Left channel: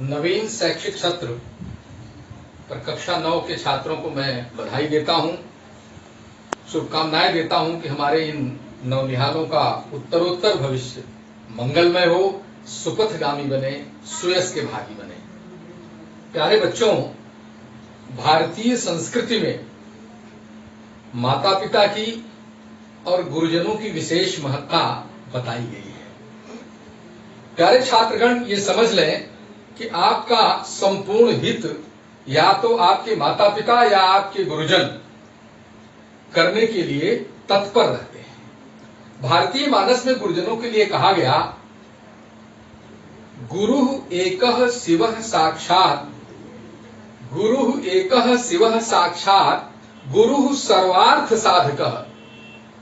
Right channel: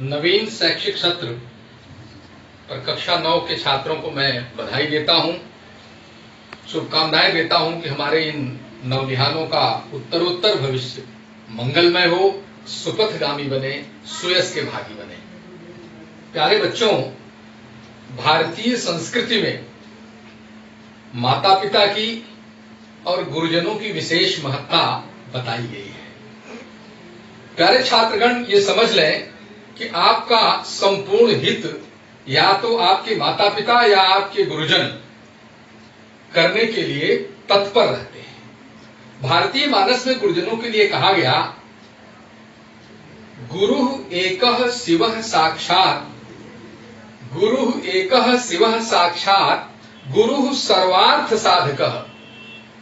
नवीन शैक्षिक सत्र पर कक्षा 9 के छात्रों को मैं बधाई देता हूं, शुभकामनाएं देता हूं कि हमारे इन नवनिहालों का उत्तरोत्तर भविष्य मंगलमय हो, सुपथगामी बने, सुयश के भागी बने। प्यारे बच्चों, भारतीय संस्कृति में माता पिता की और गुरुजनों की विशेष महत्ता बताई गई है। प्यारे छात्रगण, ये समझ लें कि आपका संपूर्ण हित या तो आपके माता पिता या आपके गुरुजन करने के लिए तत्पर रहते हैं। भारतीय मानस में गुरुजनों के लिए कहा गया, गुरुः एकः शिवः साक्षात्, गुरुः एकः शिवः साक्षात्, गुरुः सर्वार्थ साधकः,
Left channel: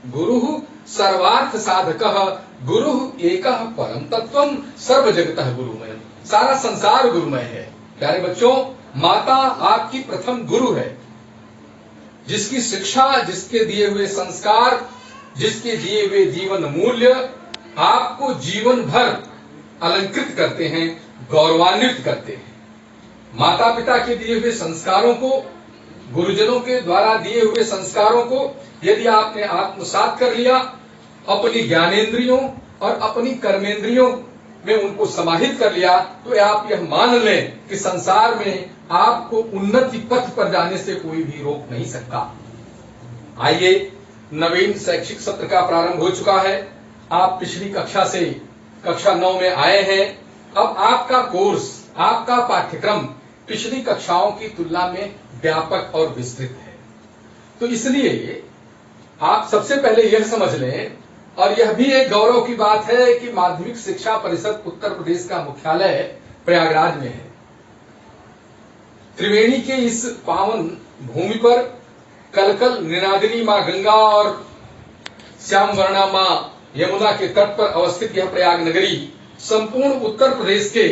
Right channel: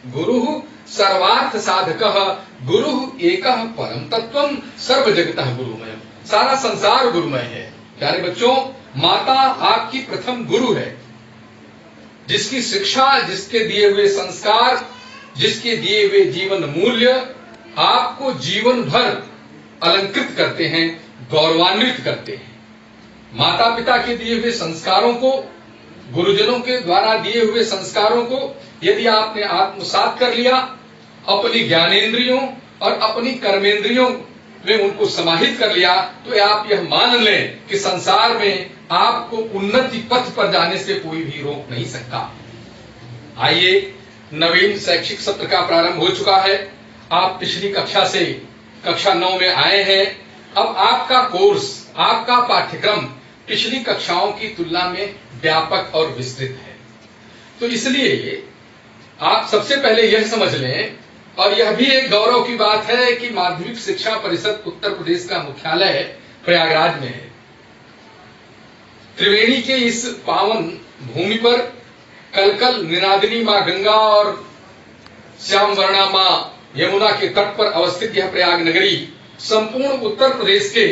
गुरुः सर्वार्थ साधकः, गुरुः एकः परम तत्वम् सर्व जगतः गुरुमय। सारा संसार गुरुमय है। प्यारे बच्चों, माता आपकी प्रथम गुरु है, जिसकी शिक्षा, जिसके दिए हुए संस्कार, जिसके दिए हुए जीवन मूल्य आपको जीवन भर अलंकृत करते हैं, गौरवान्वित करते हैं। माता पिता के दिए हुए संस्कारों को, गुरुजनों के द्वारा दिए हुए संस्कारों को यदि आपने आत्मसात कर लिया, अपनी ज्ञानेंद्रियों और अपनी कर्मेंद्रियों में उनको समाहित कर लिया, तो आप यह मान लें कि संसार में आपको उन्नति पथ पर जाने से कोई भी रोक नहीं सकता। आइए, नवीन शैक्षिक सत्र का प्रारंभ हो चुका है। आप पिछली कक्षा से कक्षा 9 में आए हैं। अब आपका कोर्स, आपका पाठ्यक्रम पिछली कक्षाओं की तुलना में व्यापक और विस्तृत है। तो इसलिए आप सबसे पहले यह समझ लें, और यह भी एक गौरव की बात है कि माध्यमिक शिक्षा परिषद उत्तर प्रदेश का मुख्यालय प्रयागराज में है। त्रिवेणी के इस पावन भूमि पर कलकल निनादिनी मां गंगा और श्यामवर्णा मां यमुना के तट पर अवस्थित यह प्रयाग नगरी संपूर्ण उत्तर प्रदेश के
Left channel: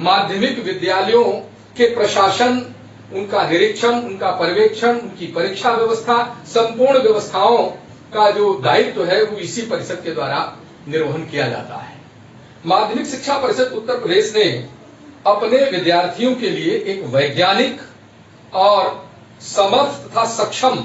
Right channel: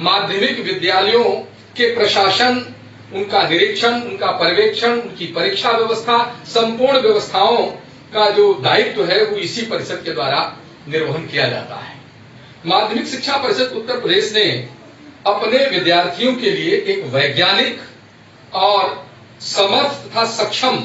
माध्यमिक विद्यालयों के प्रशासन, उनका निरीक्षण, उनका पर्यवेक्षण, उनकी परीक्षा व्यवस्था, संपूर्ण व्यवस्थाओं का जो दायित्व है वो इसी परिषद के द्वारा निर्वहन किया जाता है। माध्यमिक शिक्षा परिषद उत्तर प्रदेश ने अपने विद्यार्थियों के लिए एक वैज्ञानिक और समर्थ तथा सक्षम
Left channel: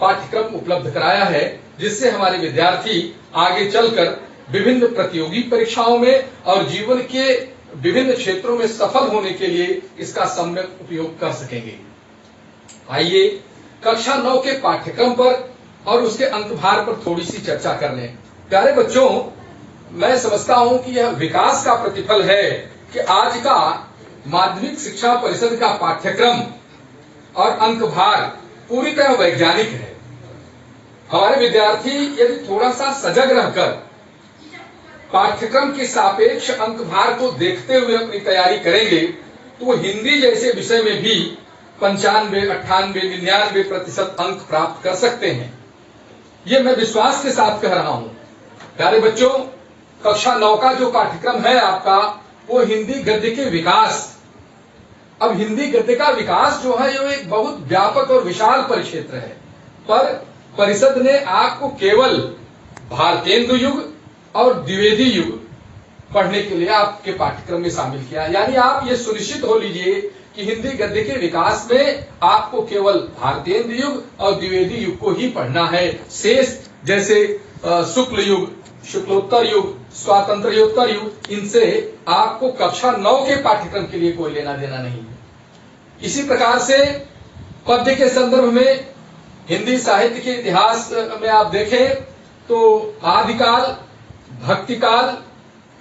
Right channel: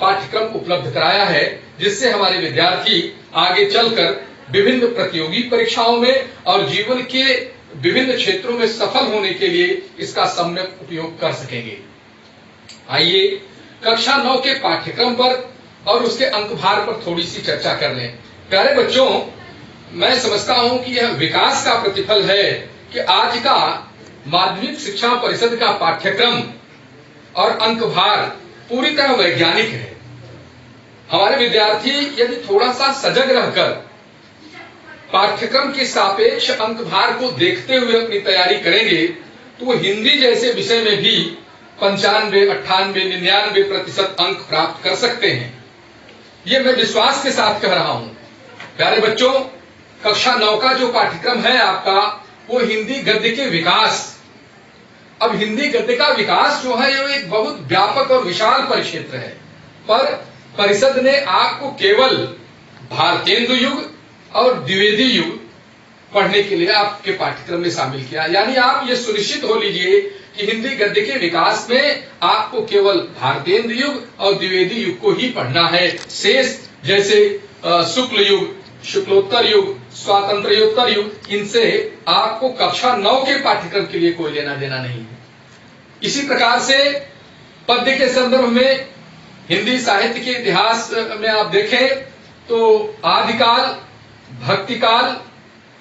पाठ्यक्रम उपलब्ध कराया है, जिससे हमारे विद्यार्थी आगे चलकर विभिन्न प्रतियोगी परीक्षाओं में और जीवन के विभिन्न क्षेत्रों में सफल होने के लिए इसका सम्यक उपयोग कर सकेंगे। आइए, कक्षा 9 के पाठ्यक्रम पर और उसके अंकभार पर थोड़ी सी चर्चा कर लें। प्यारे बच्चों, मैं समझता हूं कि यह विकास का प्रतिफल है कि आज का माध्यमिक शिक्षा परिषद का पाठ्यक्रम और अंकभार पूरी तरह वैज्ञानिक है। हमारे विद्यार्थी यदि थोड़ा सा सजग रहकर पाठ्यक्रम के सापेक्ष अंकभार को देखते हुए अपनी तैयारी करेंगे, तो वो हिंदी जैसे विषय में भी 95, 98, 99% अंक प्राप्त कर सकते हैं। ये मैं विश्वास के साथ कह रहा हूं। प्यारे बच्चों, कक्षा 9 का जो पाठ्यक्रम है आपका, वो हिंदी गद्य के विकास। अब हिंदी गद्य का विकास जो है, ये एक बहुत व्यापक और विशाल परिक्षेत्र है, पर परिषद ने आपको केवल भारतेंदु युग और द्विवेदी युग पढ़ने के लिए आपके पाठ्यक्रम में शामिल किया। यानी आप ये सुनिश्चित हो लीजिए कि हिंदी गद्य के विकास में आपको केवल भारतेंदु युग और द्विवेदी युग को ही पढ़ना है। शेष जैसे शुक्ल युग, शुक्लोत्तर युग, स्वातंत्र्योत्तर युग, इनसे आपको कक्षा 9 के पाठ्यक्रम के लिए कोई लेना देना नहीं है। इसी प्रकार से पद्य के संदर्भ में हिंदी साहित्य के इतिहास में आप देखें तो आदिकाल, भक्तिकाल,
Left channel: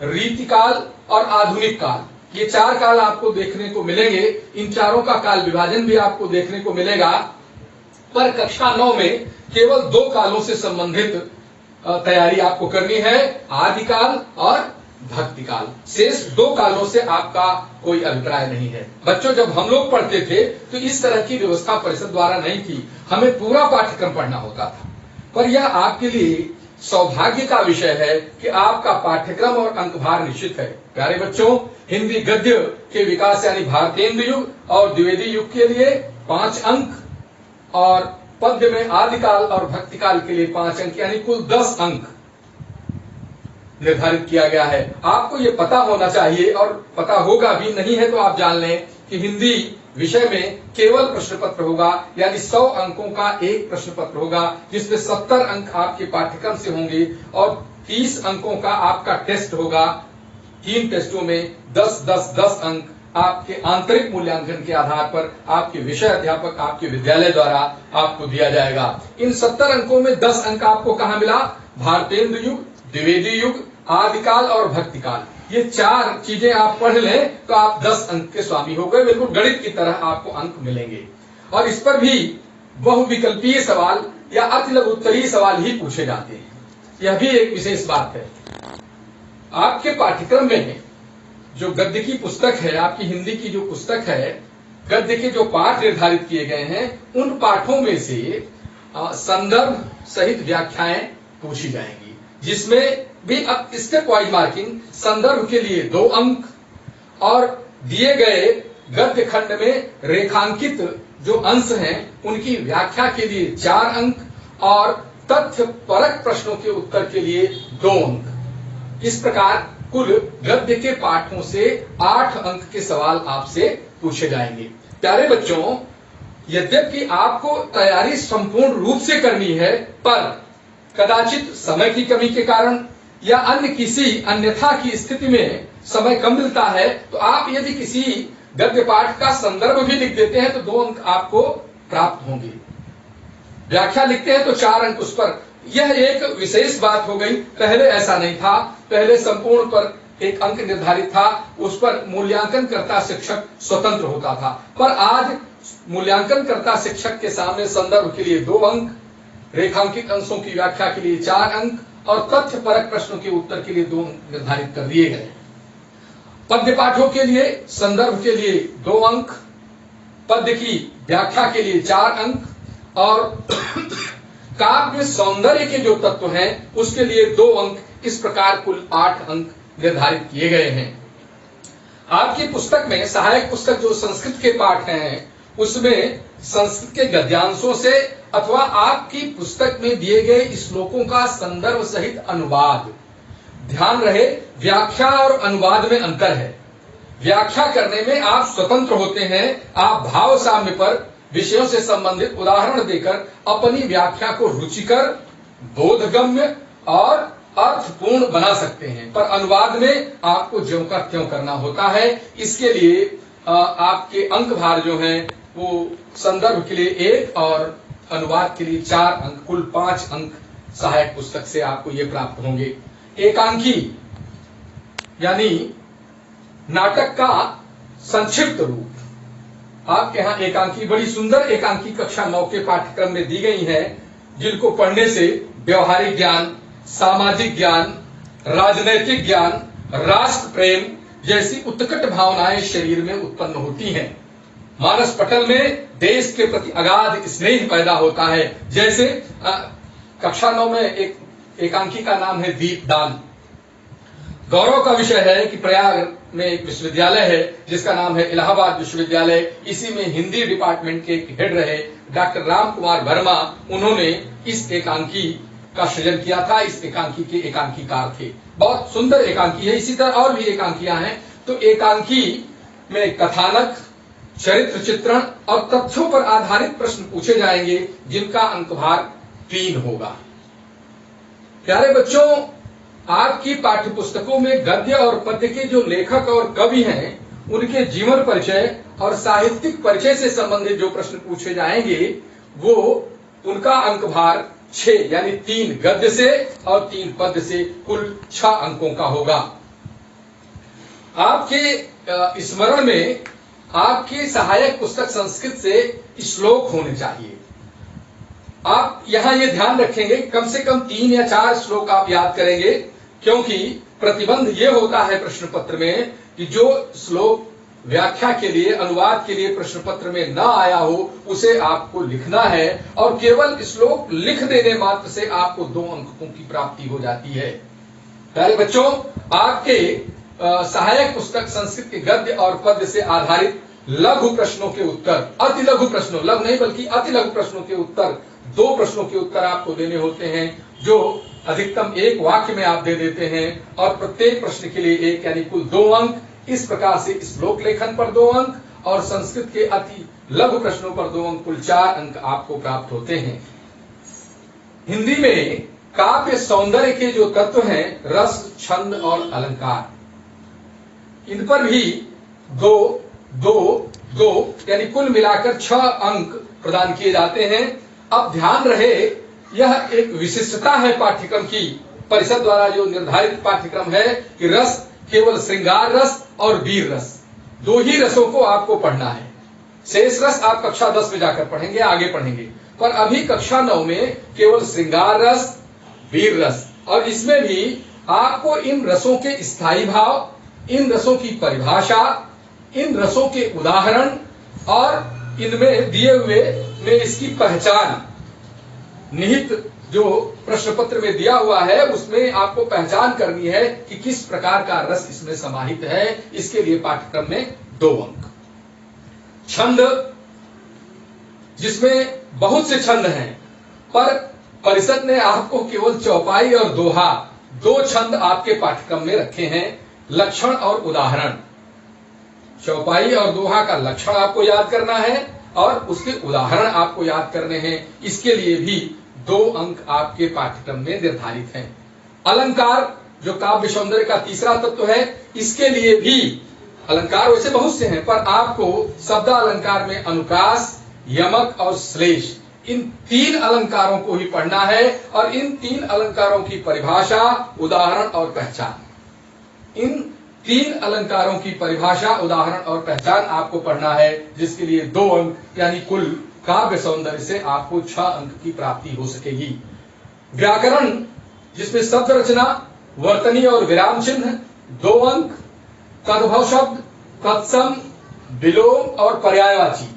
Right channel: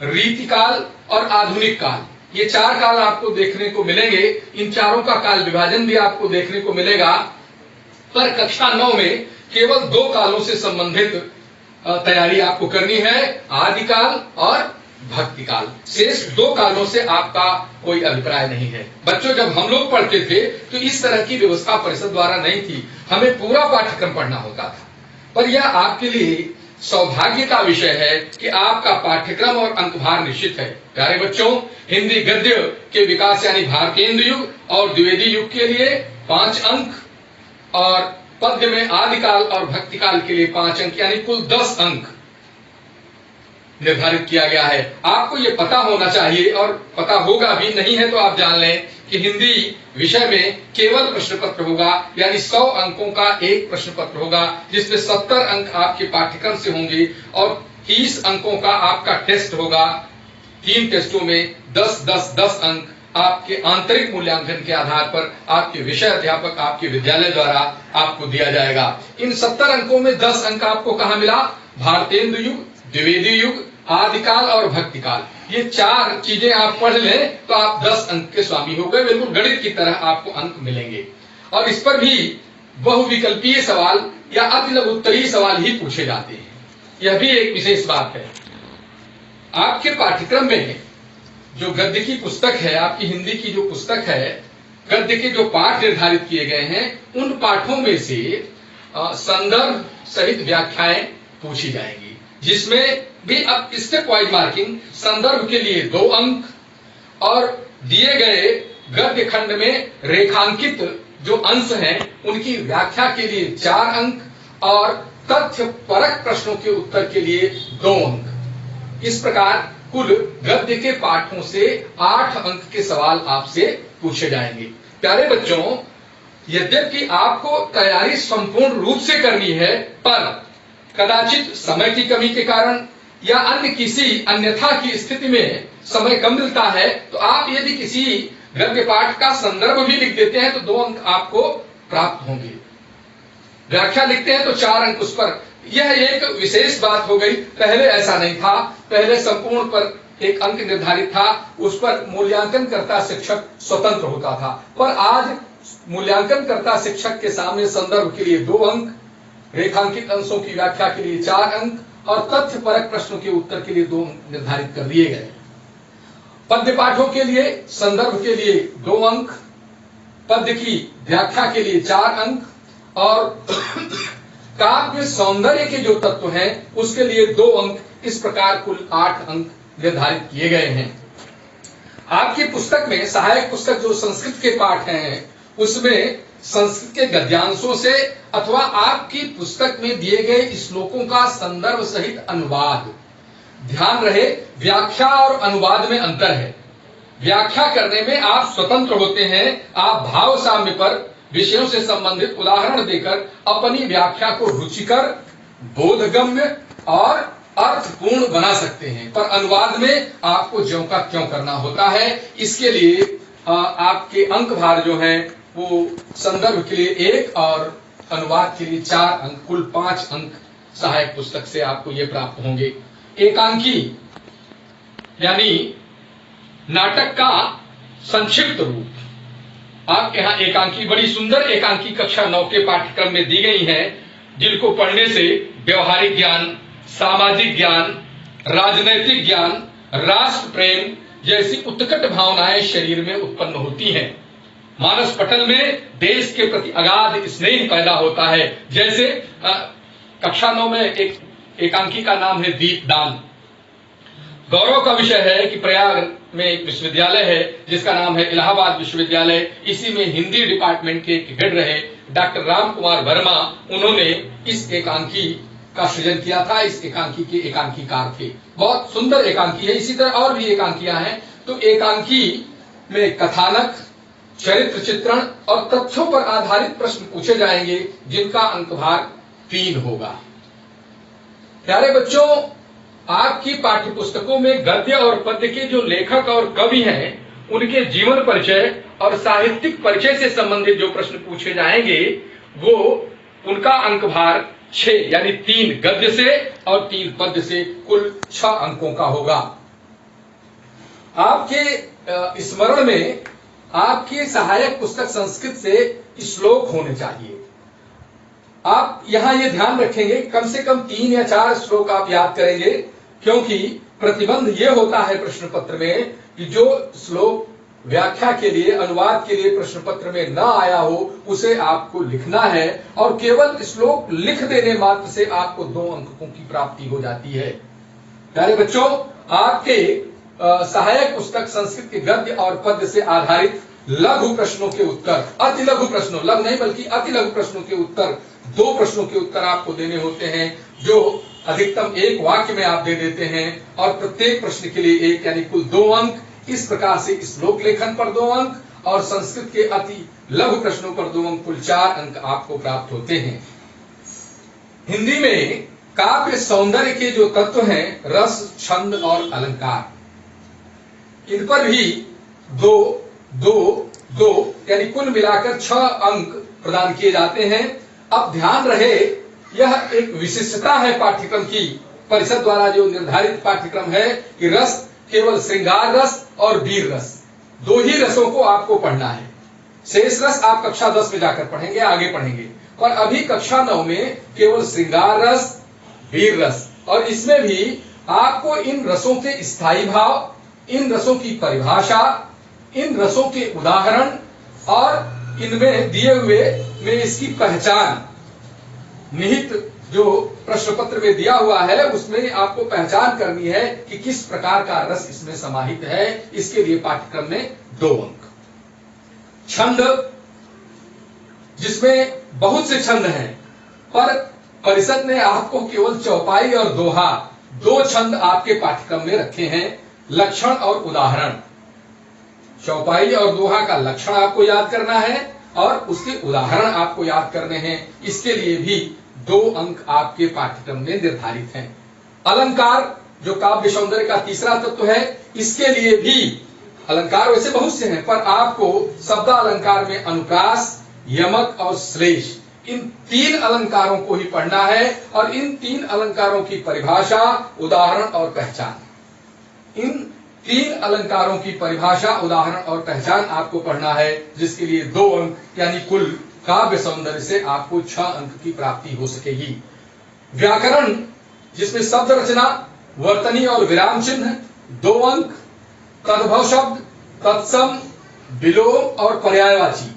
रीतिकाल और आधुनिक काल, ये 4 काल आपको देखने को मिलेंगे। इन चारों का काल विभाजन भी आपको देखने को मिलेगा, पर कक्षा 9 में केवल 2 कालों से संबंधित तैयारी आपको करनी है, आदिकाल और भक्तिकाल। शेष 2 कालों से आपका कोई अभिप्राय नहीं है। बच्चों, जब हम लोग पढ़ते थे तो इस तरह की व्यवस्था परिषद द्वारा नहीं थी, हमें पूरा पाठ्यक्रम पढ़ना होता था। पर यह आपके लिए सौभाग्य का विषय है कि आपका पाठ्यक्रम और अंकभार निश्चित है। प्यारे बच्चों, हिंदी गद्य के विकास यानी भारतेंदु युग और द्विवेदी युग के लिए 5 अंक और पद्य में आदिकाल और भक्तिकाल के लिए 5 अंक, यानी कुल 10 अंक निर्धारित किया गया है। आपको ये पता होना चाहिए और पता होगा भी, नहीं है तो आप जान लें कि हिंदी विषय में केवल प्रश्न पत्र होगा, यानी 100 अंकों का एक प्रश्न पत्र होगा, जिसमें 70 अंक आपके पाठ्यक्रम से होंगे और 30 अंकों का आपका टेस्ट होगा। 3 टेस्टों में 10 अंक आपके आंतरिक मूल्यांकन के आधार पर आपके विषय अध्यापक आपके विद्यालय द्वारा आपको दिया जाएगा। इन 70 अंकों में 10 अंक आपको कहां मिला? भारतेंदु युग, द्विवेदी युग, आदिकाल और भक्तिकाल। ये 4 चीजें आप पढ़ लें तो आप 10 अंक के स्वामी हो गए। बिल्कुल गणित की तरह आपको अंक मिलेंगे। और इस पर भी बहुविकल्पीय सवाल या अति लघु उत्तरीय सवाल ही पूछे जाते हैं। यह भी एक विशेष बात है। आपके पाठ्यक्रम में जो गद्य की पुस्तक है, आपकी हिंदी की जो पुस्तक है, गद्य के जो पाठ निर्धारित किए गए हैं, उन पाठों में से संदर्भ सहित व्याख्याएं पूछी जाएंगी, जिसमें भी अब स्टेप वाइज मार्किंग, संदर्भ के लिए 2 अंक और दिए गए गद्य खंड में रेखांकित जो अंश हैं उनकी व्याख्या के लिए 4 अंक और तथ्य परक प्रश्नों के उत्तर के लिए 2 अंक। इस प्रकार कुल गद्य के पाठों से 8 अंक के सवाल आपसे पूछे जाएंगे। प्यारे बच्चों, यद्यपि आपको तैयारी संपूर्ण रूप से करनी है, पर कदाचित समय की कमी के कारण या अन्य किसी अन्यथा की स्थिति में समय कम मिलता है, तो आप यदि किसी गद्य पाठ का संदर्भ भी लिख देते हैं तो 2 अंक आपको प्राप्त होंगे। व्याख्या लिखते हैं तो 4 अंक उस पर। यह एक विशेष बात हो गई। पहले ऐसा नहीं था। पहले संपूर्ण पर 1 अंक निर्धारित था, उस पर मूल्यांकन करता शिक्षक स्वतंत्र होता था। पर आज मूल्यांकन करता शिक्षक के सामने संदर्भ के लिए 2 अंक, रेखांकित अंशों की व्याख्या के लिए 4 अंक और तथ्य परक प्रश्नों के उत्तर के लिए 2 अंक निर्धारित कर दिए गए। पद्य पाठों के लिए संदर्भ के लिए 2 अंक, पद्य की व्याख्या के लिए 4 अंक और काव्य सौंदर्य के जो तत्व हैं उसके लिए 2 अंक। इस प्रकार कुल 8 अंक निर्धारित किए गए हैं। आपकी पुस्तक में, सहायक पुस्तक जो संस्कृत के पाठ हैं, उसमें संस्कृत के गद्यांशों से अथवा आपकी पुस्तक में दिए गए श्लोकों का संदर्भ सहित अनुवाद। ध्यान रहे, व्याख्या और अनुवाद में अंतर है। व्याख्या करने में आप स्वतंत्र होते हैं। आप भाव साम्य पर विषयों से संबंधित उदाहरण देकर अपनी व्याख्या को रुचिकर, बोधगम्य और अर्थपूर्ण बना सकते हैं। पर अनुवाद में आपको ज्यों का त्यों करना होता है। इसके लिए आपके अंक भार जो हैं वो संदर्भ के लिए 1 और अनुवाद के लिए 4 अंक, कुल 5 अंक सहायक पुस्तक से आपको ये प्राप्त होंगे। एकांकी यानी नाटक का संक्षिप्त रूप। आपके यहाँ एकांकी, बड़ी सुंदर एकांकी कक्षा 9 के पाठ्यक्रम में दी गई हैं, जिनको पढ़ने से व्यवहारिक ज्ञान, सामाजिक ज्ञान, राजनैतिक ज्ञान, राष्ट्र प्रेम जैसी उत्कट भावनाएं शरीर में उत्पन्न होती हैं। मानस पटल में देश के प्रति अगाध स्नेह पैदा होता है। जैसे कक्षा 9 में एक एकांकी का नाम है दीपदान। गौरव का विषय है कि प्रयाग में एक विश्वविद्यालय है जिसका नाम है इलाहाबाद विश्वविद्यालय। इसी में हिंदी डिपार्टमेंट के हेड रहे डॉक्टर राम कुमार वर्मा, उन्होंने इस एकांकी का सृजन किया था। इस एकांकी के एकांकीकार थे। बहुत सुंदर एकांकी है। इसी तरह और भी एकांकियां हैं। तो एकांकी में कथानक, चरित्र चित्रण और तथ्यों पर आधारित प्रश्न पूछे जाएंगे, जिनका अंकभार 3 होगा। प्यारे बच्चों, आपकी पाठ्य पुस्तकों में गद्य और पद्य के जो लेखक और कवि हैं, उनके जीवन परिचय और साहित्यिक परिचय से संबंधित जो प्रश्न पूछे जाएंगे, वो उनका अंकभार 6 यानी 3 गद्य से और 3 पद्य से कुल 6 अंकों का होगा। आपके स्मरण में आपकी सहायक पुस्तक संस्कृत से श्लोक होने चाहिए। आप यहां ये ध्यान रखेंगे कम से कम 3 या 4 श्लोक आप याद करेंगे, क्योंकि प्रतिबंध ये होता है प्रश्न पत्र में कि जो श्लोक व्याख्या के लिए, अनुवाद के लिए प्रश्न पत्र में ना आया हो उसे आपको लिखना है और केवल श्लोक लिख देने मात्र से आपको 2 अंकों की प्राप्ति हो जाती है। प्यारे बच्चों, आपके सहायक पुस्तक संस्कृत के गद्य और पद्य से आधारित लघु प्रश्नों के उत्तर, अति लघु प्रश्नों, लघु नहीं बल्कि अति लघु प्रश्नों के उत्तर, 2 प्रश्नों के उत्तर आपको देने होते हैं, जो अधिकतम एक वाक्य में आप दे देते हैं और प्रत्येक प्रश्न के लिए एक यानी कुल 2 अंक। इस प्रकार से श्लोक लेखन पर 2 अंक और संस्कृत के अति लघु प्रश्नों पर 2 अंक, कुल 4 अंक आपको प्राप्त होते हैं। हिंदी में काव्य सौंदर्य के जो तत्व हैं, रस, छंद और अलंकार, इन पर भी 2, 2, 2 यानी कुल मिलाकर 6 अंक प्रदान किए जाते हैं। अब ध्यान रहे, यह एक विशिष्टता है पाठ्यक्रम की, परिषद द्वारा जो निर्धारित पाठ्यक्रम है कि रस केवल श्रृंगार रस और वीर रस, 2 ही रसों को आपको पढ़ना है। शेष रस आप कक्षा 10 में जाकर पढ़ेंगे, आगे पढ़ेंगे, पर अभी कक्षा 9 में केवल श्रृंगार रस, वीर रस, और इसमें भी आपको इन रसों के स्थायी भाव, इन रसों की परिभाषा, इन रसों के उदाहरण और इनमें दिए हुए में इसकी पहचान, निहित जो प्रश्न पत्र में दिया हुआ है उसमें आपको पहचान करनी है कि किस प्रकार का रस इसमें समाहित है। इसके लिए पाठ्यक्रम में 2 अंक। छंद, जिसमें बहुत से छंद हैं, पर परिषद ने आपको केवल चौपाई और दोहा, 2 छंद आपके पाठ्यक्रम में रखे हैं। लक्षण और उदाहरण, चौपाई और दोहा का लक्षण आपको याद करना है और उसके उदाहरण आपको याद करने हैं। इसके लिए भी 2 अंक आपके पाठ्यक्रम में निर्धारित हैं। अलंकार, जो काव्य सौंदर्य का तीसरा तत्व है, इसके लिए भी अलंकार वैसे बहुत से हैं, पर आपको शब्द अलंकार में अनुप्रास, यमक और श्लेष, इन 3 अलंकारों को ही पढ़ना है और इन 3 अलंकारों की परिभाषा, उदाहरण और पहचान, इन 3 अलंकारों की परिभाषा, उदाहरण और पहचान आपको पढ़ना है, जिसके लिए 2 अंक यानी कुल काव्य सौंदर्य से आपको 6 अंक की प्राप्ति हो सकेगी। व्याकरण, जिसमें शब्द रचना, वर्तनी और विराम चिन्ह, 2 अंक। तद्भव शब्द, तत्सम, विलोम और पर्यायवाची,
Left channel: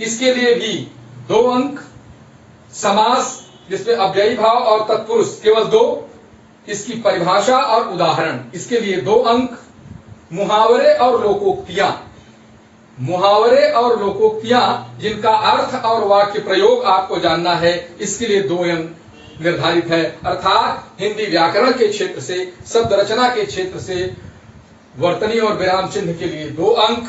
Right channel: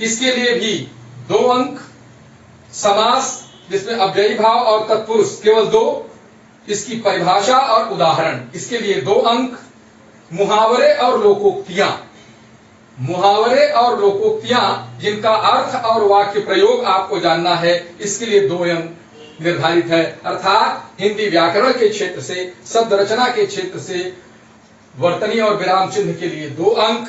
इसके लिए भी 2 अंक। समास, जिसमें अव्ययी भाव और तत्पुरुष, केवल 2, इसकी परिभाषा और उदाहरण, इसके लिए 2 अंक। मुहावरे और लोकोक्तियां, मुहावरे और लोकोक्तियां जिनका अर्थ और वाक्य प्रयोग आपको जानना है, इसके लिए 2 अंक निर्धारित है। अर्थात हिंदी व्याकरण के क्षेत्र से, शब्द रचना के क्षेत्र से, वर्तनी और विराम चिन्ह के लिए 2 अंक,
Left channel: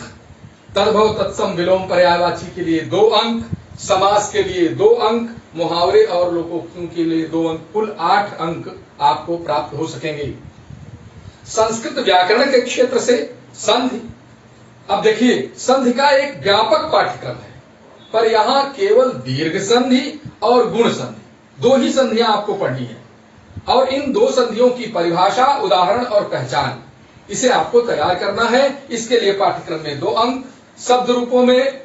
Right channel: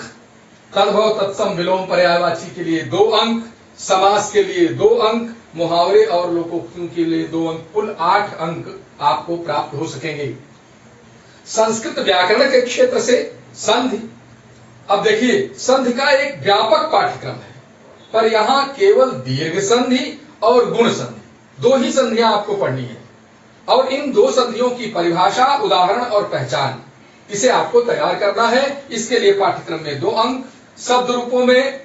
तद्भव, तत्सम, विलोम, पर्यायवाची के लिए 2 अंक, समास के लिए 2 अंक, मुहावरे और लोकोक्तियों के लिए 2 अंक, कुल 8 अंक आपको प्राप्त हो सकेंगे। संस्कृत व्याकरण के क्षेत्र से संधि, अब देखिए संधि का एक व्यापक पाठ्यक्रम है, पर यहां केवल दीर्घ संधि और गुण संधि, 2 ही संधियां आपको पढ़नी है और इन 2 संधियों की परिभाषा, उदाहरण और पहचान, इसे आपको तैयार करना है। इसके लिए पाठ्यक्रम में 2 अंक। शब्द रूपों में,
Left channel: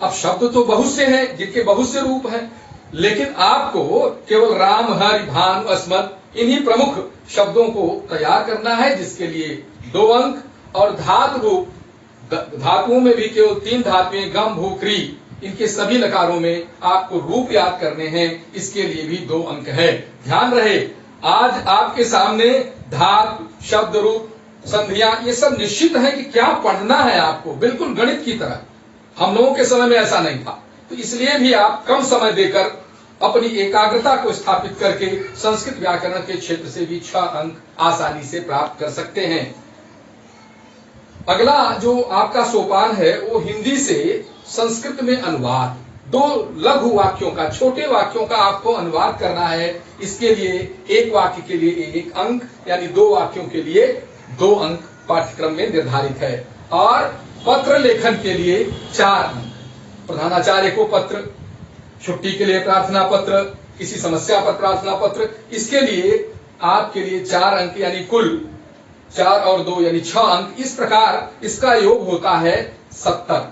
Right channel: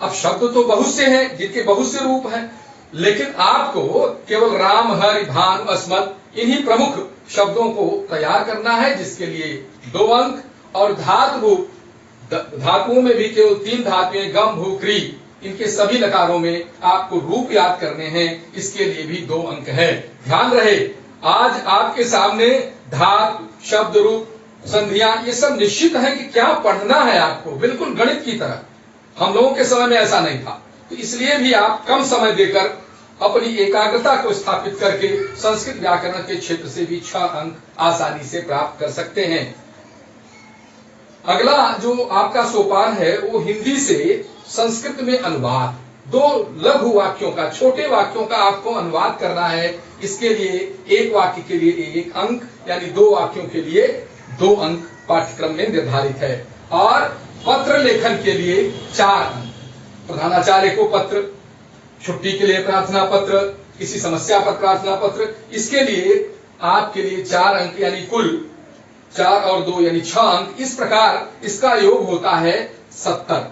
अब शब्द तो बहुत से हैं जिनके बहुत से रूप हैं, लेकिन आपको केवल राम, हरि, भानु, अस्मत्, इन्हीं प्रमुख शब्दों को तैयार करना है, जिसके लिए 2 अंक। और धातु रूप, धातुओं में भी केवल 3 धातुएं, गम, भू, क्री, इनके सभी लकारों में आपको रूप याद करने हैं, इसके लिए भी 2 अंक है। ध्यान रहे, आज आपके सामने धातु, शब्द रूप, संधियां, ये सब निश्चित है कि क्या पढ़ना है आपको, बिल्कुल गणित की तरह। हम लोगों के समय में ऐसा नहीं था, तो इसलिए भी आप कम समय देकर अपनी एकाग्रता को स्थापित करके संस्कृत व्याकरण के क्षेत्र से भी 6 अंक आसानी से प्राप्त कर सकते हैं। अगला जो आपका सोपान है वो हिंदी से संस्कृत में अनुवाद, 2 लघु वाक्यों का, छोटे वाक्यों का आपको अनुवाद करना है। इसके लिए 1 वाक्य के लिए 1 अंक, यानी 2 वाक्यों के लिए 2 अंक पाठ्यक्रम में निर्धारित है। और पत्र लेखन के लिए 4 अंक, प्रधानाचार्य को पत्र, छुट्टी के लिए प्रार्थना पत्र, किसी समस्या पर प्रार्थना पत्र, इसके लिए आपके लिए 4 अंक, यानी कुल 4 और 2 यानी 6 अंक। इस प्रकार इसका योग होता है 70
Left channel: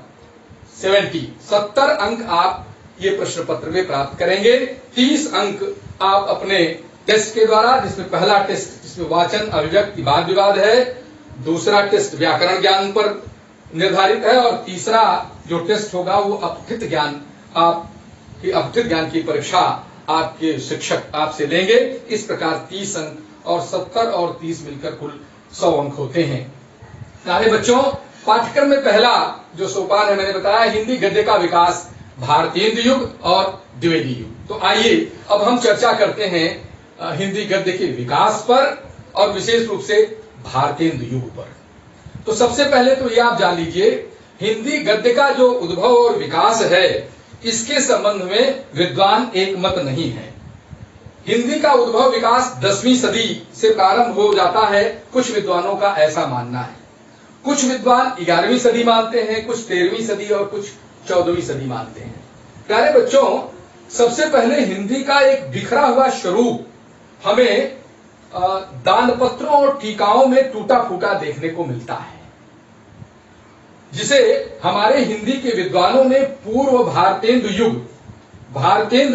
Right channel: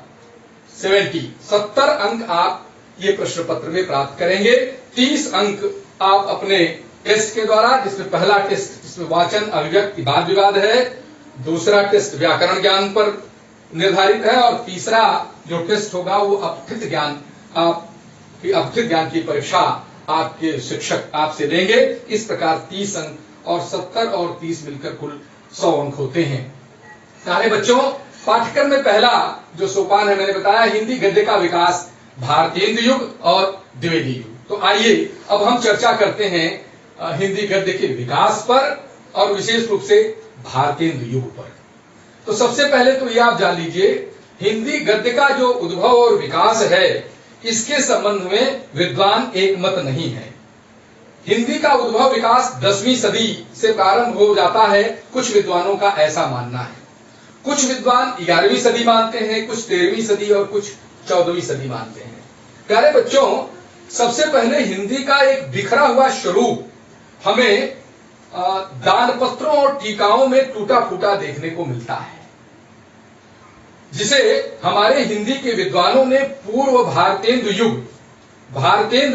अंक आप ये प्रश्न पत्र में प्राप्त करेंगे। 30 अंक आप अपने टेस्ट के द्वारा, जिसमें पहला टेस्ट जिसमें वाचन, अभिव्यक्ति, वाद विवाद है, दूसरा टेस्ट व्याकरण ज्ञान पर निर्धारित है और तीसरा जो टेस्ट होगा वो अपठित ज्ञान, आपकी अपठित ज्ञान की परीक्षा आपके शिक्षक आपसे लेंगे। इस प्रकार 30 अंक और 70 और 30 मिलकर कुल 100 अंक होते हैं। प्यारे बच्चों, पाठ्यक्रम में पहला जो सोपान है मैंने बताया, हिंदी गद्य का विकास, भारतीय युग और द्विवेदी युग। तो आइए अब हम चर्चा करते हैं हिंदी गद्य के विकास पर और विशेष रूप से भारतेंदु युग पर। तो सबसे पहले तो ये आप जान लीजिए, हिंदी गद्य का जो उद्भव और विकास है, इसके संबंध में विद्वान एक मत नहीं है। हिंदी का उद्भव विकास 10वीं सदी से प्रारंभ हो जाता है, कुछ विद्वानों का ऐसा मानना है। कुछ विद्वान 11वीं सदी मानते हैं, कुछ 13वीं सदी और कुछ 14वीं सदी मानते हैं। प्यारे बच्चों, सबसे पहले हिंदी का एक बिखरा हुआ स्वरूप हमें दान पत्रों और टीकाओं में टूटा फूटा देखने को मिलता है, जिसे हमारे हिंदी के विद्वानों ने पूर्व भारतेंदु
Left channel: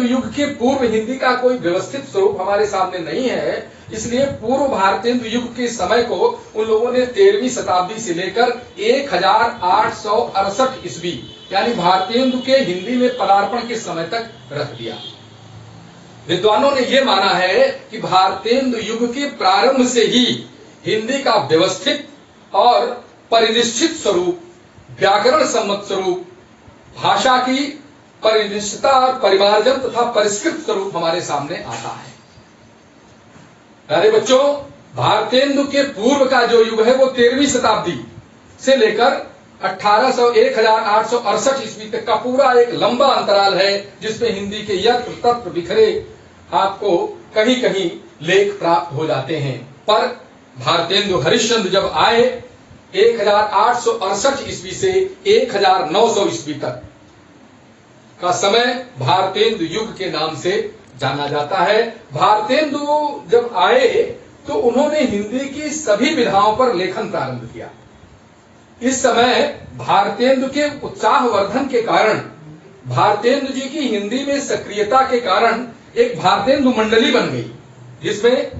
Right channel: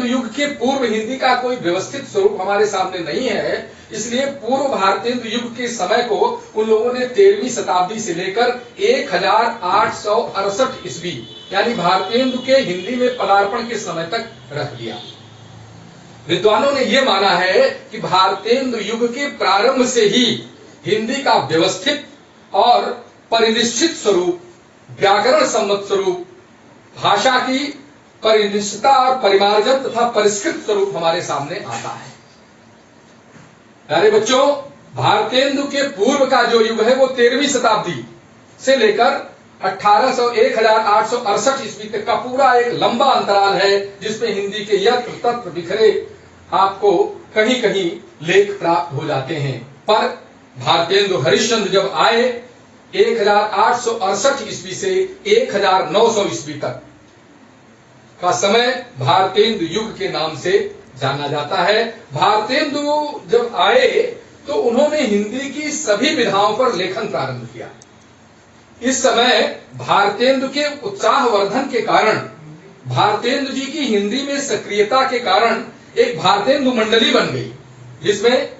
युग के पूर्व हिंदी का कोई व्यवस्थित स्वरूप हमारे सामने नहीं है। इसलिए पूर्व भारतेंदु युग के समय को उन लोगों ने 13वीं शताब्दी से लेकर 1868 ईस्वी यानी भारतेंदु के हिंदी में पदार्पण के समय तक रख दिया। विद्वानों ने यह माना है कि भारतेंदु युग के प्रारंभ से ही हिंदी का व्यवस्थित और परिनिश्चित स्वरूप, व्याकरण सम्मत स्वरूप, भाषा की परिनिष्ठता और परिमार्जन तथा परिष्कृत स्वरूप हमारे सामने आता है। अरे बच्चों, भारतेंदु के पूर्व का जो युग है वो 13वीं शताब्दी से लेकर 1868 ईस्वी तक का पूरा एक लंबा अंतराल है, जिसमें हिंदी के यत्र तत्र बिखरे आपको कहीं कहीं लेख प्राप्त हो जाते हैं। पर भारतेंदु हरिश्चंद्र जब आए 1868 ईस्वी से 1900 ईस्वी तक का समय भारतेंदु युग के नाम से जाना जाता है। भारतेंदु जब आए तो उन्होंने हिंदी की सभी विधाओं पर लेखन प्रारंभ किया। इस समय भारतेंदु के उत्साहवर्धन के कारण, भारतेंदु जी की हिंदी में सक्रियता के कारण एक भारतेंदु मंडली बन गई, जिसमें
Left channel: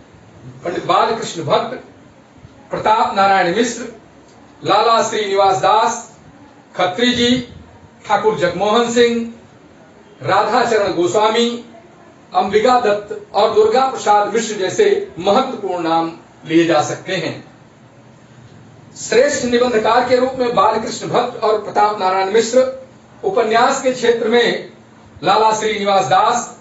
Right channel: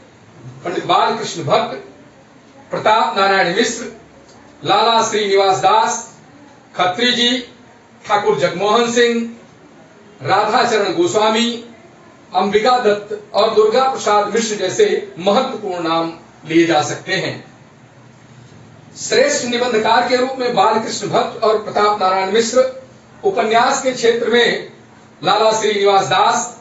पंडित बालकृष्ण भट्ट, प्रताप नारायण मिश्र, लाला श्रीनिवास दास, खत्री जी, ठाकुर जगमोहन सिंह, राधाचरण गोस्वामी, अंबिका दत्त और दुर्गा प्रसाद मिश्र जैसे महत्वपूर्ण नाम लिए जा सकते हैं। श्रेष्ठ निबंधकार के रूप में बालकृष्ण भट्ट और प्रताप नारायण मिश्र, उपन्यास के क्षेत्र में लाला श्रीनिवास दास,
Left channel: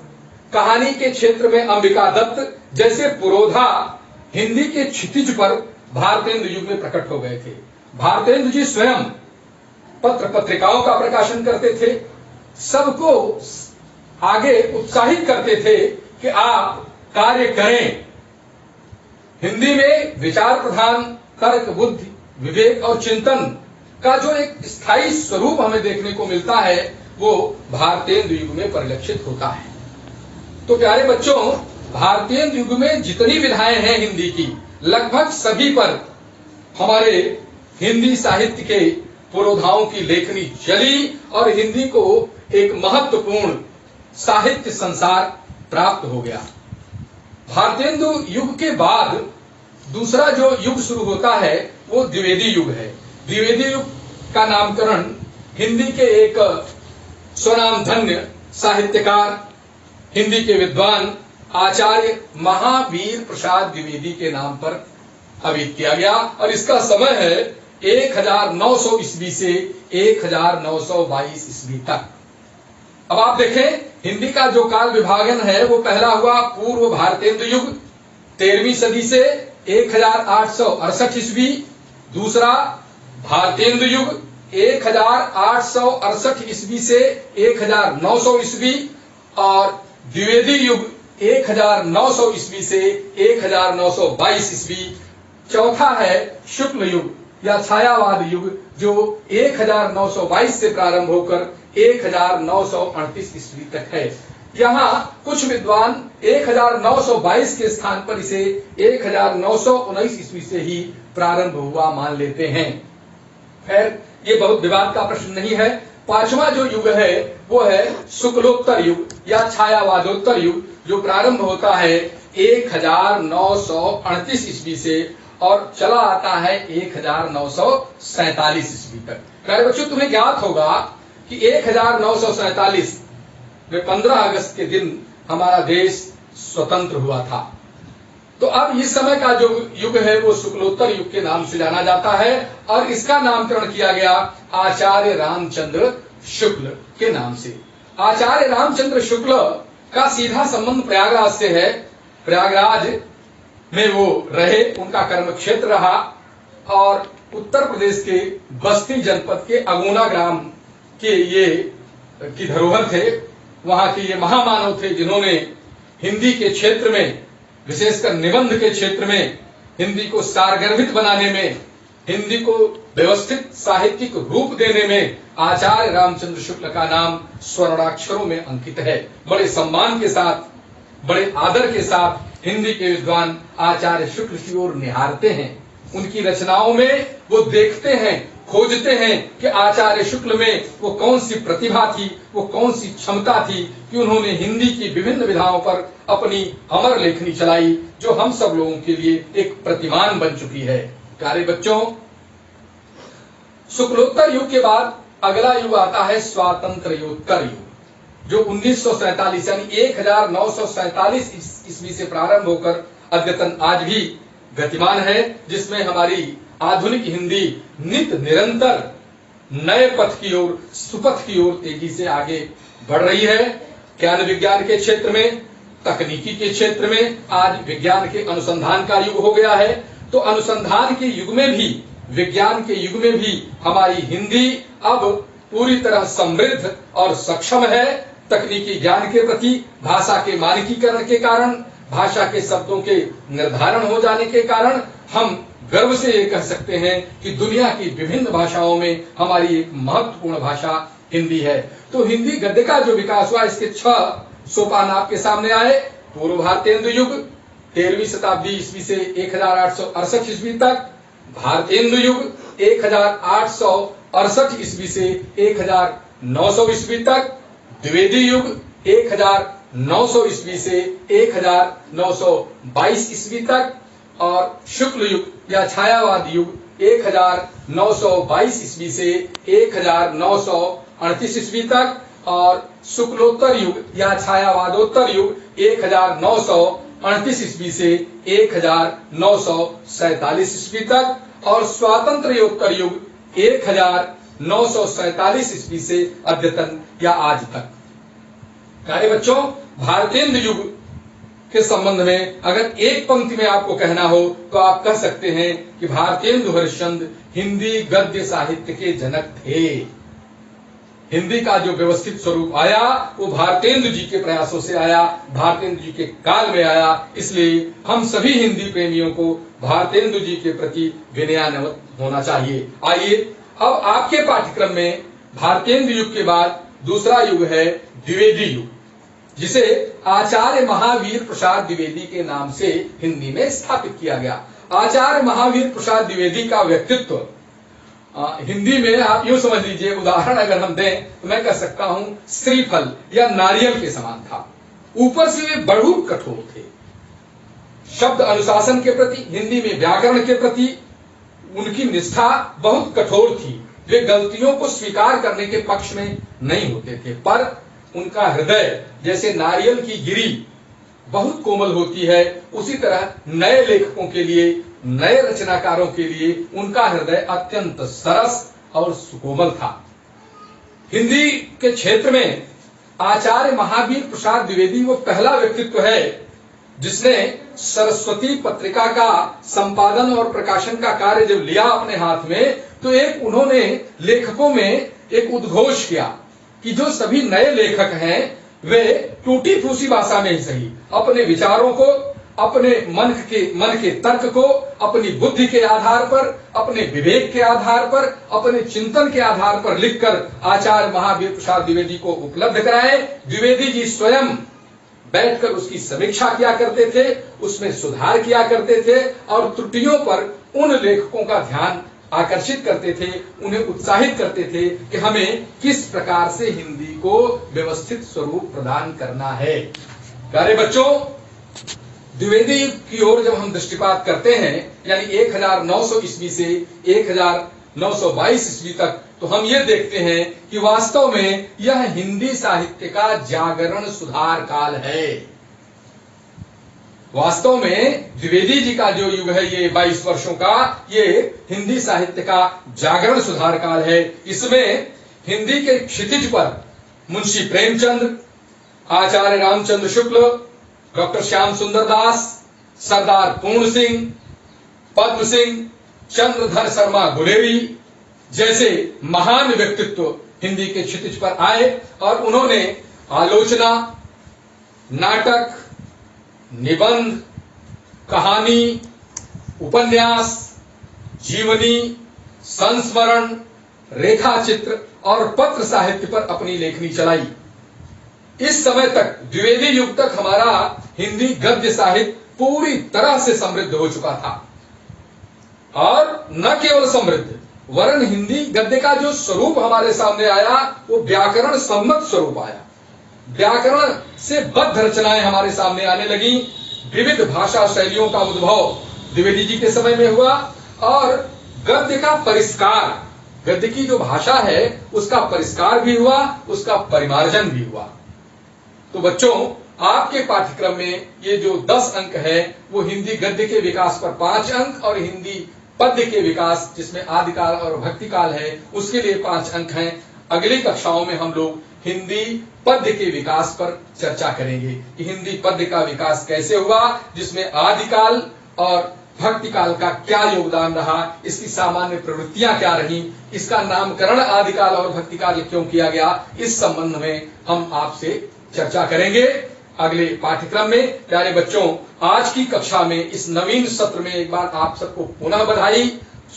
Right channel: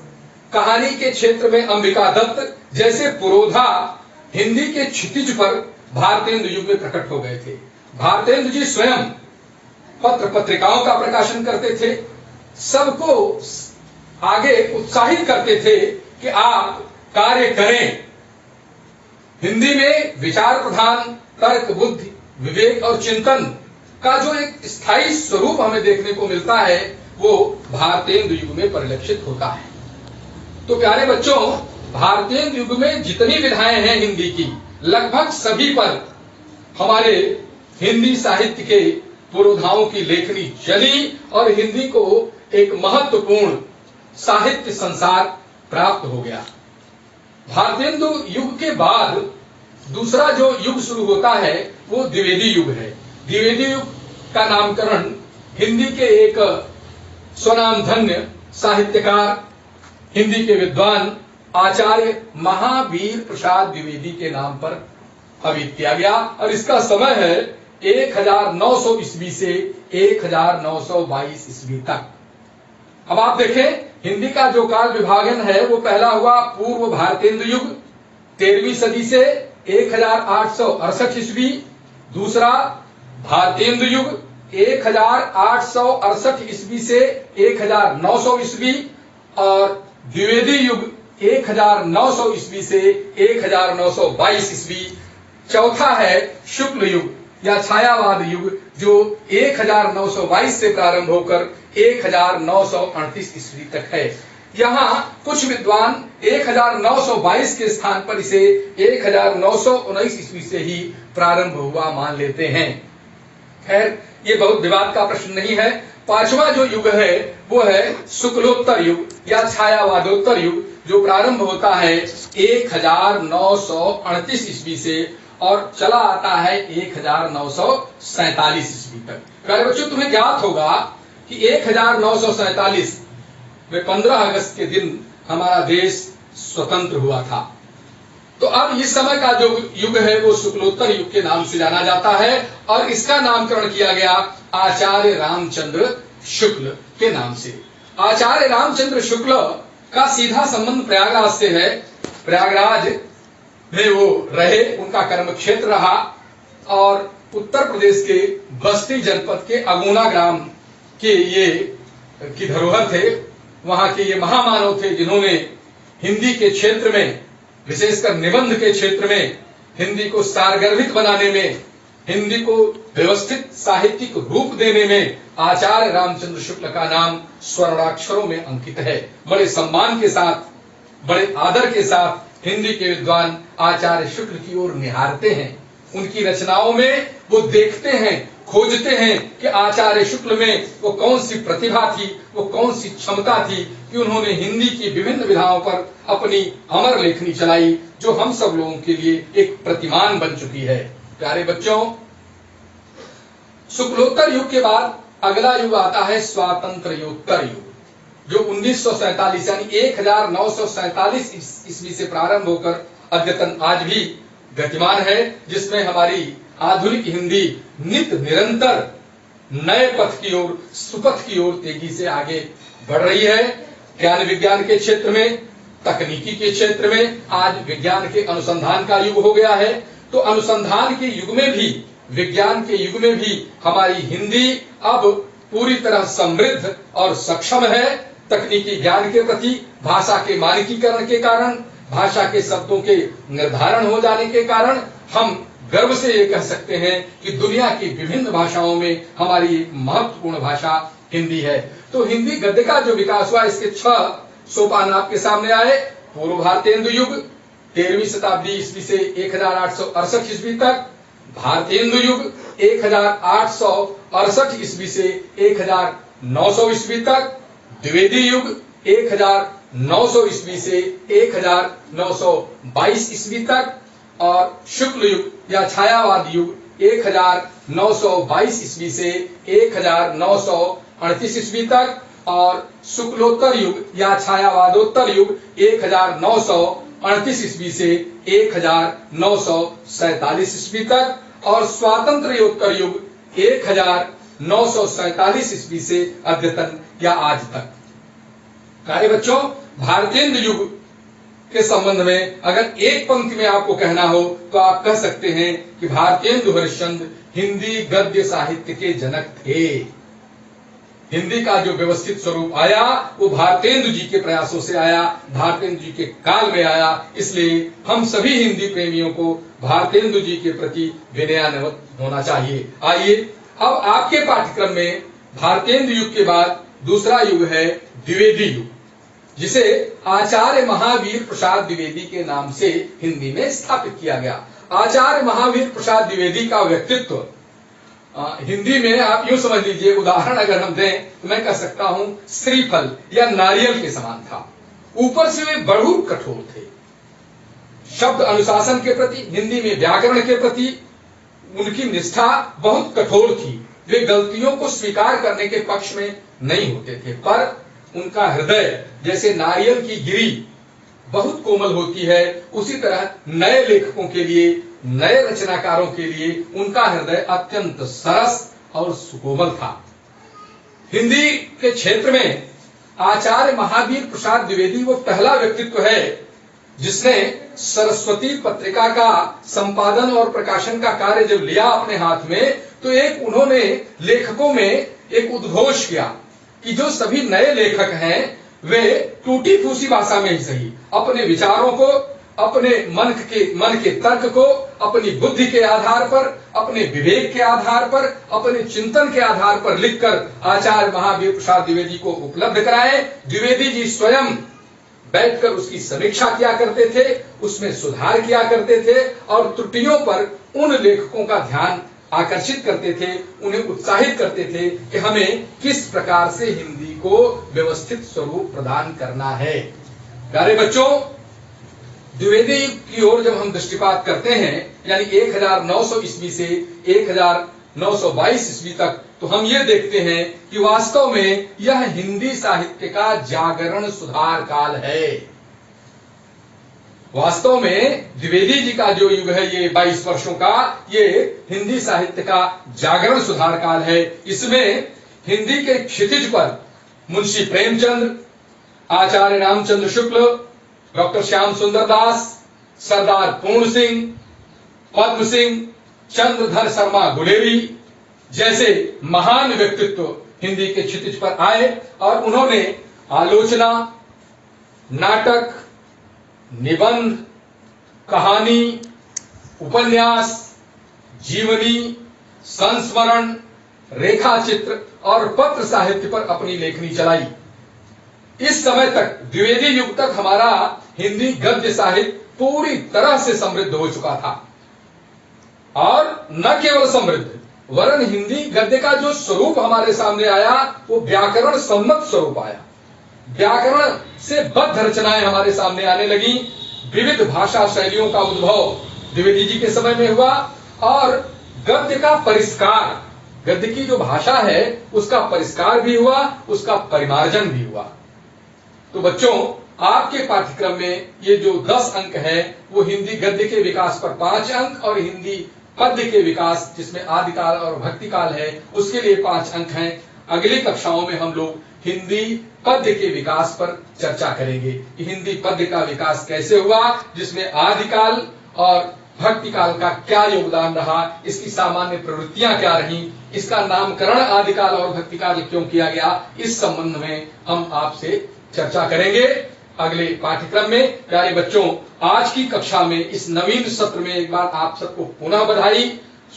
कहानी के क्षेत्र में अंबिका दत्त जैसे पुरोधा हिंदी के क्षितिज पर भारतेंदु युग में प्रकट हो गए थे। भारतेंदु जी स्वयं पत्र पत्रिकाओं का प्रकाशन करते थे, सबको आगे उत्साहित करते थे कि आप कार्य करें। हिंदी में विचार प्रधान, तर्क, बुद्धि, विवेक और चिंतन का जो एक स्थायी स्वरूप हमें देखने को मिलता है, वो भारतेंदु युग में परिलक्षित होता है। तो प्यारे बच्चों, भारतेंदु युग में जितनी विधाएं हैं हिंदी की, लगभग सभी पर हमारे हिंदी साहित्य के पुरोधाओं की लेखनी चली और हिंदी को एक महत्वपूर्ण साहित्य संसार प्राप्त हो गया। भारतेंदु युग के बाद दूसरा जो युग शुरू होता है वो द्विवेदी युग है। द्विवेदी युग का नामकरण हिंदी के एक स्वनामधन्य साहित्यकार, हिंदी के विद्वान आचार्य महावीर प्रसाद द्विवेदी के नाम पर अभिहित किया गया और इसका समय है 1900 ईस्वी से 1922 ईस्वी तक। अब आप देखें, हिंदी का जो काल विभाजन है वो पहला हुआ पूर्व भारतेंदु युग 13वीं सदी से 1868 ईस्वी, दूसरा भारतेंदु युग 1868 ईस्वी से 1900 ईस्वी और द्विवेदी युग 1900 ईस्वी से 1922 ईस्वी। चौथा है शुक्ल युग या छायावाद युग, जो 1922 से प्रारंभ होकर 1938 ईस्वी तक है। यहाँ कुछ विद्वान 1922 के स्थान पर इसे 1919 ईस्वी से ही प्रारंभ हुआ मान लेते हैं। खैर, ये बहुत विवाद का प्रश्न नहीं है। पांचवा जो युग है वो है शुक्लोत्तर युग या छायावादोत्तर युग, जो प्रारंभ होता है 1938 ईस्वी से और चला आता है 1947 ईस्वी तक। प्यारे बच्चों, तुम्हें ज्ञात होगा कि 1947 में 15 अगस्त के दिन हमारा देश स्वतंत्र हुआ था। तो अब इस समय का जो युग है वो शुक्लोत्तर युग के नाम से जाना जाता है और इसका नामकरण किया गया आचार्य रामचंद्र शुक्ल के नाम से। आचार्य रामचंद्र शुक्ल का सीधा संबंध प्रयागराज से है। प्रयागराज में वो रहे, उनका कर्म क्षेत्र रहा और उत्तर प्रदेश के बस्ती जनपद के अगुना ग्राम के ये की धरोहर थे। वहां के ये महामानव थे जिन्होंने हिंदी के क्षेत्र में, विशेषकर निबंध के क्षेत्र में, हिंदी को सारगर्भित बनाने में, हिंदी को व्यवस्थित साहित्यिक रूप देने में आचार्य रामचंद्र शुक्ल का नाम स्वर्णाक्षरों में अंकित है। बड़े सम्मान के साथ, बड़े आदर के साथ हिंदी के विद्वान आचार्य शुक्ल की ओर निहारते हैं। उनकी रचनाओं में वो देखते हैं, खोजते हैं कि आचार्य शुक्ल में वो कौन सी प्रतिभा थी, वो कौन सी क्षमता थी कि उन्होंने हिंदी की विभिन्न विधाओं पर अपनी अमर लेखनी चलाई, जो हम सब लोगों के लिए एक प्रतिमान बन चुकी है। प्यारे बच्चों, शुक्लोत्तर युग के बाद अगला युग आता है स्वातंत्र्योत्तर युग, जो 1947 यानी 1947 ईस्वी से प्रारंभ होकर अद्यतन आज भी गतिमान है, जिसमें हमारी आधुनिक हिंदी नित निरंतर नए पथ की ओर, सुपथ की ओर तेजी से आगे बढ़ रही है। ज्ञान विज्ञान के क्षेत्र में, तकनीकी के क्षेत्र में आज विज्ञान के अनुसंधान का युग हो गया है। तो अनुसंधान के युग में भी, विज्ञान के युग में भी हमारी हिंदी अब पूरी तरह समृद्ध और सक्षम है। तकनीकी ज्ञान के प्रति, भाषा के मानकीकरण के कारण, भाषा के शब्दों के निर्धारण हो जाने के कारण हम गर्व से ये कह सकते हैं कि दुनिया की विभिन्न भाषाओं में हमारी एक महत्वपूर्ण भाषा हिंदी है। तो हिंदी गद्य का जो विकास हुआ, इसके 6 सोपान आपके सामने आए। पूर्व भारतेंदु युग 13वीं शताब्दी ईस्वी से 1868 ईस्वी तक, भारतेंदु युग 1868 ईस्वी से 1900 ईस्वी तक, द्विवेदी युग 1900 ईस्वी से 1922 ईस्वी तक, और शुक्ल युग या छायावाद युग 1922 ईस्वी से 1938 ईस्वी तक, और शुक्लोत्तर युग या छायावादोत्तर युग 1938 ईस्वी से 1947 ईस्वी तक, और स्वातंत्र्योत्तर युग 1947 ईस्वी से अद्यतन या आज तक। प्यारे बच्चों, भारतेंदु युग के संबंध में अगर एक पंक्ति में आपको कहना हो तो आप कह सकते हैं कि भारतेंदु हरिश्चंद्र हिंदी गद्य साहित्य के जनक थे। हिंदी का जो व्यवस्थित स्वरूप आया वो भारतेंदु जी के प्रयासों से आया, भारतेंदु जी के काल में आया। इसलिए हम सभी हिंदी प्रेमियों को भारतेंदु जी के प्रति विनयान्वित होना चाहिए। आइए अब आपके पाठ्यक्रम में भारतेंदु युग के बाद दूसरा युग है द्विवेदी युग, जिसे आचार्य महावीर प्रसाद द्विवेदी के नाम से हिंदी में स्थापित किया गया। आचार्य महावीर प्रसाद द्विवेदी का व्यक्तित्व हिंदी में आप यूं समझ लीजिए, उदाहरण अगर हम दें तो मैं कह सकता हूं श्रीफल या नारियल के समान था। ऊपर से वे बहुत कठोर थे, शब्द अनुशासन के प्रति, हिंदी में व्याकरण के प्रति उनकी निष्ठा बहुत कठोर थी। वे गलतियों को स्वीकार करने के पक्ष में नहीं होते थे, पर उनका हृदय जैसे नारियल की गिरी बहुत कोमल होती है, उसी तरह नए लेखकों के लिए, नए रचनाकारों के लिए उनका हृदय अत्यंत सरस और सुकोमल था। हिंदी के क्षेत्र में आचार्य महावीर प्रसाद द्विवेदी वो पहला व्यक्तित्व है जिसने सरस्वती पत्रिका का संपादन और प्रकाशन का कार्य जब लिया अपने हाथ में, तो एक उन्होंने लेखकों में एक उद्घोष किया कि जो सभी नए लेखक हैं वे टूटी फूसी भाषा में ही सही अपने विचारों को, अपने मन के तर्क को अपनी बुद्धि के आधार पर, अपने विवेक के आधार पर, अपने चिंतन के आधार पर लिखकर आचार्य महावीर प्रसाद द्विवेदी को उपलब्ध कराएं। द्विवेदी जी स्वयं बैठकर उसकी समीक्षा किया करते थे, उसमें सुधार किया करते थे और त्रुटियों पर उन लेखकों का ध्यान आकर्षित करते थे, उन्हें उत्साहित करते थे कि हमें किस प्रकार से हिंदी को व्यवस्थित स्वरूप प्रदान करना है। प्यारे बच्चों, द्विवेदी की ओर जब हम दृष्टिपात करते हैं, यानी 1900 ईस्वी से 1922 ईस्वी तक, तो हम ये देखते हैं कि वास्तव में यह हिंदी साहित्य का जागरण सुधार काल है। वास्तव में द्विवेदी जी का जो युग है, ये 22 वर्षों का, ये हिंदी साहित्य का जागरण सुधार काल है। इसमें हिंदी के क्षितिज पर मुंशी प्रेमचंद, आचार्य रामचंद्र शुक्ल, डॉक्टर श्याम सुंदर दास, सरदार पूर्ण सिंह, पद्म सिंह, चंद्रधर शर्मा गुलेरी जैसे महान व्यक्तित्व हिंदी के क्षितिज पर आए और उन्होंने आलोचना, नाटक, निबंध, कहानी, उपन्यास, जीवनी, संस्मरण, रेखाचित्र और पत्र साहित्य पर अपनी लेखनी चलाई। इस समय तक द्विवेदी युग तक हमारा हिंदी गद्य साहित्य पूरी तरह से समृद्ध हो चुका था और न केवल समृद्ध वरन हिंदी गद्य का जो स्वरूप हमारे सामने आया वो व्याकरण सम्मत स्वरूप आया। व्याकरण से बद्ध रचनाएं हमारे सामने आने लगी। विविध भाषा शैलियों का उद्भव द्विवेदी जी के समय में हुआ और गद्य का परिष्कार, गद्य की जो भाषा है उसका परिष्कार भी हुआ, उसका परिमार्जन भी हुआ। तो बच्चों, आपके पाठ्यक्रम में ये जो 10 अंक है वो हिंदी गद्य के विकास पर 5 अंक और हिंदी पद्य के विकास जिसमें आदिकाल और भक्तिकाल है उसके लिए 5 अंक हैं। अगली कक्षाओं में हम लोग हिंदी पद्य के विकास पर चर्चा करेंगे कि हिंदी पद्य का विकास कैसे हुआ, जिसमें आदिकाल और भक्तिकाल का क्या योगदान रहा, इसकी सामान्य प्रवृत्तियां क्या रही, इसका नामकरण आदिकाल और भक्तिकाल क्यों किया गया, इस संबंध में हम आपसे चर्चा करेंगे अगले पाठ्यक्रम में। प्यारे बच्चों, आज की कक्षा में इस नवीन सत्र में एक बार आप सबको पुनः बधाई,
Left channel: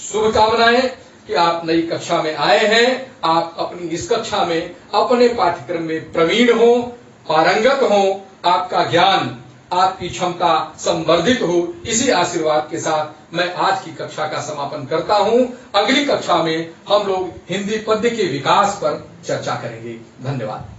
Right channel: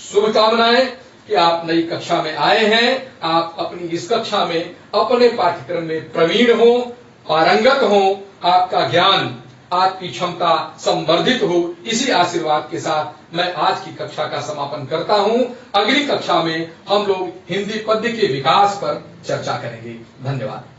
शुभकामनाएं कि आप नई कक्षा में आए हैं। आप अपनी इस कक्षा में अपने पाठ्यक्रम में प्रवीण हो, पारंगत हो, आपका ज्ञान, आपकी क्षमता संवर्धित हो, इसी आशीर्वाद के साथ मैं आज की कक्षा का समापन करता हूं। अगली कक्षा में हम लोग हिंदी पद्य के विकास पर चर्चा करेंगे। धन्यवाद।